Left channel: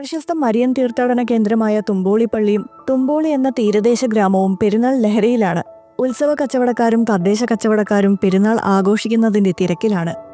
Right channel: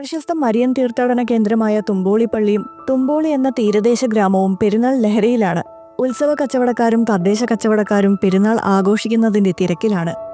പ്രശസ്ത മരിയൻ തീർത്ഥാടന കേന്ദ്രമായ തുമ്പോളിപ്പള്ളിയും തുമ്പോളി എന്ന തീരദേശ ഗ്രാമവും പെരുന്നാൾ ലഹരിയിലാണ്. ഉത്സവ കച്ചവടക്കാരും തദ്ദേശ കച്ചവടക്കാരും പെരുന്നാൾ ആഘോഷിക്കുന്നതിന്റെ തിരക്കിലാണ്.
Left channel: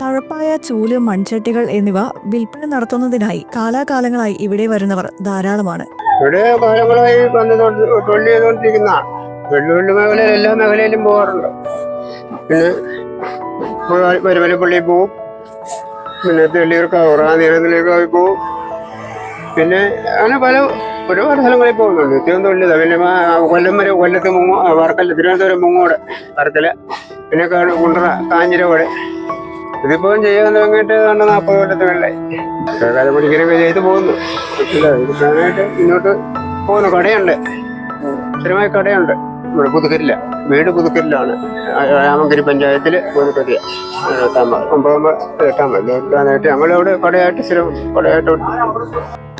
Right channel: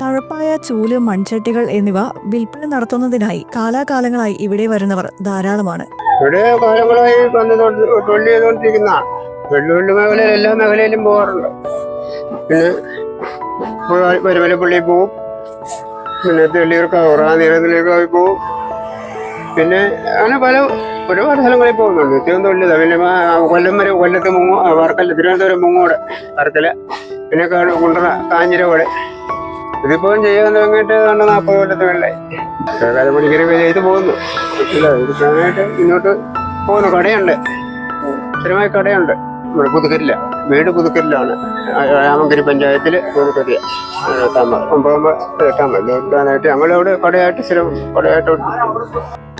തഴപ്പായ ചൂൽ മൺചട്ടികൾ എന്നിവ വിൽപ്പന നടത്തുന്നതിനായി കാലാകാലങ്ങളായി ഇവിടെ വരുന്നവർ ധാരാളമാണ്. ഇവിടെ കാലങ്ങളായി വന്ന് തൊഴിൽ ചെയ്തുകൊണ്ടിരിക്കുന്ന വെള്ളുവിള്ളി മേഖല എല്ലാ മേഖലയിലും പോകാറുണ്ട്. പിന്നെ വരുമലപ്പള്ളി പോവും. പിന്നെ തെള്ളിയൂർക്കാവ് റാന്നിരത്തിലേക്കായി പോവും. പിന്നെ അങ്ങനെ പല ഒരുപാട് സ്ഥലങ്ങളിൽ പോകുന്നുണ്ട്. തൊഴിൽ പിന്നെ കൊല്ലം വരെ കൊല്ലത്ത് മുങ്ങോ വർക്കല്ല തിരുവനന്തപുരം മുങ്ങോട് വർക്കല പിന്നെ കുണ്ടറ കാഞ്ഞിരകോട് ഇതിപ്പം ചെയ്യാൻ തുടങ്ങിയിട്ട് കണ്ട നാൽപ്പത് കൊല്ലത്തെ വെള്ളായി. കാലം പണിക്കരൊക്കെ ചെയ്ത് പോകുന്നു. ഇതിനായിട്ട് മുന്നോട്ട് പോകുന്നു. കടയുണ്ട്. സ്ഥിരമായി കടയുണ്ട്. ഇവിടെ പുതുക്കരില്ല വീട് പുതുക്കരിലാണ് രാമങ്കരി പഞ്ചായത്തിൽ പുതുക്കരി എട്ടാം ഒമ്പതാം എട്ടാം എട്ടാനായിട്ട് ഞങ്ങളവിടെ കടയായിട്ട് സ്ഥിരം കടയായിട്ട്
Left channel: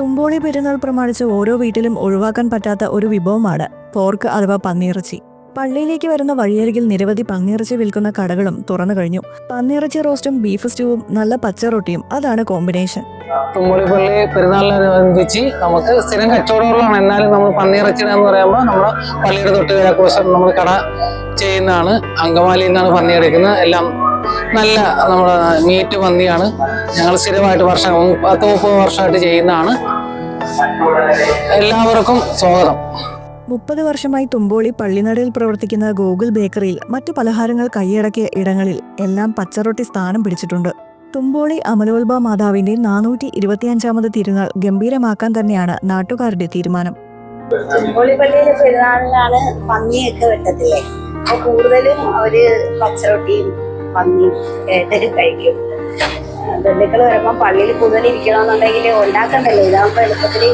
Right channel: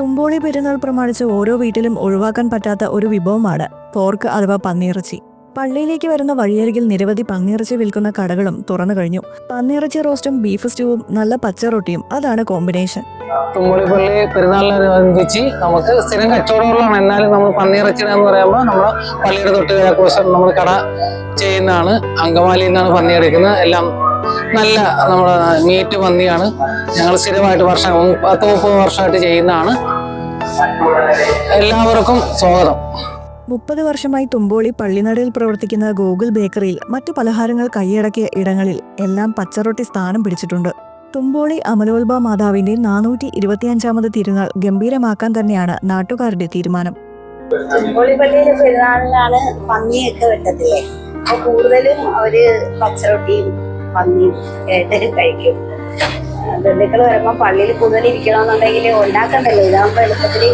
തുമ്പോളി പെരുന്നാൾ പ്രമാണിച്ച് ഓരോ വീട്ടിലും ഒഴിവാക്കാൻ പറ്റാത്ത ഒരു വിഭവമാണ് പോർക്ക് അഥവാ പന്നിയിറച്ചി. പള്ളിയിലേക്ക് വരുന്ന വഴിയരികിൽ നിരവധി പന്നിയിറച്ചി വിൽക്കുന്ന കടകളും തുറന്നു കഴിഞ്ഞു. പന്നിയിറച്ചി റോസ്റ്റും ബീഫ് സ്റ്റൂവും നല്ല പച്ചറൊട്ടിയും അതാണ് കോമ്പിനേഷൻ. തുമ്പളിപ്പള്ളി പെരുന്നാളിനനുബന്ധിച്ച് നമുക്ക് സ്ഥിരം കച്ചവടങ്ങളാണ് എന്നാലും നമ്മൾ പന്നിയിറച്ചിട എന്ന് പറയുമ്പോൾ നമ്മൾ പള്ളിയുടെ തൊട്ട് കിഴക്കുവശം നമ്മൾ കട ചെയ്യുന്നതാണ്. അങ്കമാലിയിൽ നിന്നാണ് പന്നി എടുക്കുന്നത്. എല്ലാം നല്ല നമ്മുടെ മീറ്റ് പന്നിയാണ്. ഞങ്ങൾ സ്ഥിരമായിട്ട് വർഷം പത്ത് മുപ്പത് വർഷമായിട്ട് ചെയ്യുന്നതാണ്. എല്ലാവർക്കും സ്വാഗതം. മുപ്പത് വർഷമായി തുമ്പോളി പള്ളിനടയിൽ പ്രവർത്തിക്കുന്ന ഗൂഗിൾ ബേക്കറിയിൽ മറ്റു പലഹാരങ്ങൾ കൈയടക്കിയ ഇടങ്ങളിൽ എല്ലാം പച്ചറൊട്ടി സ്ഥാനം പിടിച്ചിട്ടുണ്ട്. തുമ്പോളി അമലോത്ഭ മാതാവിന്റെ നാനൂറ്റി ഇരുപത്തിയഞ്ചാമത് തിരുനാൾ ഗംഭീരമാക്കാൻ തന്നെയാണ് നാട്ടുകാരുടെ തീരുമാനം. പുള്ളിപ്പള്ളിയിലെ പെരുന്നാളിലാണ് പന്നിയൊക്കെ വെട്ടത്തില്ലേ? അപ്പൊ കൂടുതലും അവർ പച്ചറൊട്ടിയും പന്നിയും കഴിക്കും. ബന്ധുക്കൾ വരുമ്പോ പള്ളിയിൽ കൂടുതൽ ഇരിക്കണമെന്നുണ്ടെങ്കിൽ ഉണ്ടാക്കണ്ടല്ലോ. ഇതാകുമ്പോ എളുപ്പത്തിൽ